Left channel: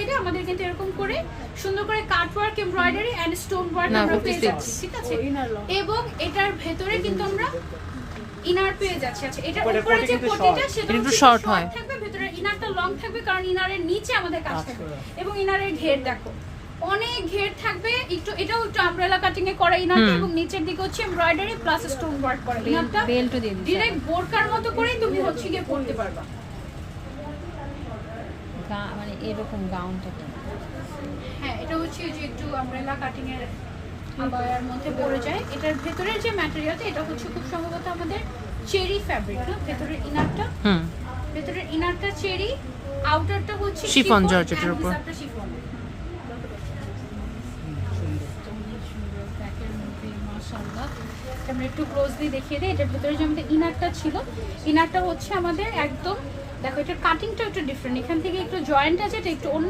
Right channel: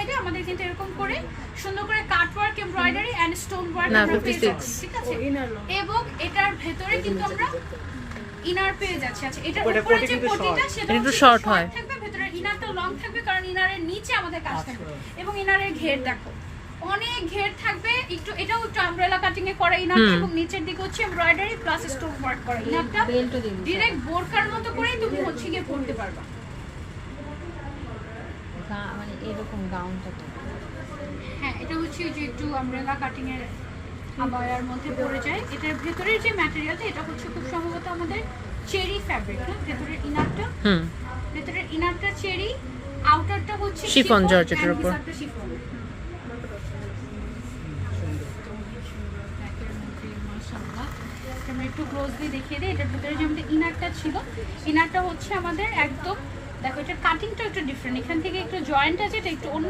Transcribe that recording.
সাইডে আমাদের কিন্তু এরকম করে সুন্দর করে cut work, embroidery and stone work না, আমরা 56 পেয়ে যাচ্ছি, ঠিক আছে? এবং এটার ভেতরে কিন্তু আমরা ইনার পেয়ে যাচ্ছি। আচ্ছা, এটার উপরে যে কোটিটা সেটা একটু শর্ট হয় থাকবে, ভেতরে ইনারটা লং থাকবে কারণ ইনারের নিচে আমাদের কাজ থাকবে। এবং ইনারের ঘের দেখো অনেক ঘের থাকবে, একটু এটাও একটু আমব্রেলা কাটিং এ করা ইনার, এবং নিচের দিকে হচ্ছে এমব্রয়ডারি প্লাস স্টোন ওয়ার্ক করা ইনারটা। বেল্ট দিয়ে দিন, ডাইরেক্ট বোরকার মতো করেই তুমি হচ্ছে গিয়ে পরতে পারবা। মানে এরকম গাউনটা তো হ্যাঁ, এটা হচ্ছে যে একটু আমব্রেলা কাটিং এর আবায়ার মধ্যে পড়ে যায়। এটার ভেতরের যে ম্যাটেরিয়ালটা এটা হচ্ছে খুব সম্ভবত আমাদের চেরি ফ্যাব্রিক, না? ভেতরের ইনারটা, ভেতরের ইনারটা চেরি, আউটারটা হচ্ছে শিফন জর্জেটের উপর। শিফন। আমরা একটু ক্লোজলি দেখিয়ে দিই। এটার ভেতরে যে আমাদের ইনারটা ছিল, ইনারটা হচ্ছে আমাদের একদম দেখো, এটার কাটিংটা একটু ডিফারেন্ট, এখান থেকে একটু জয়েন্ট আছে, এটা একটু অন্য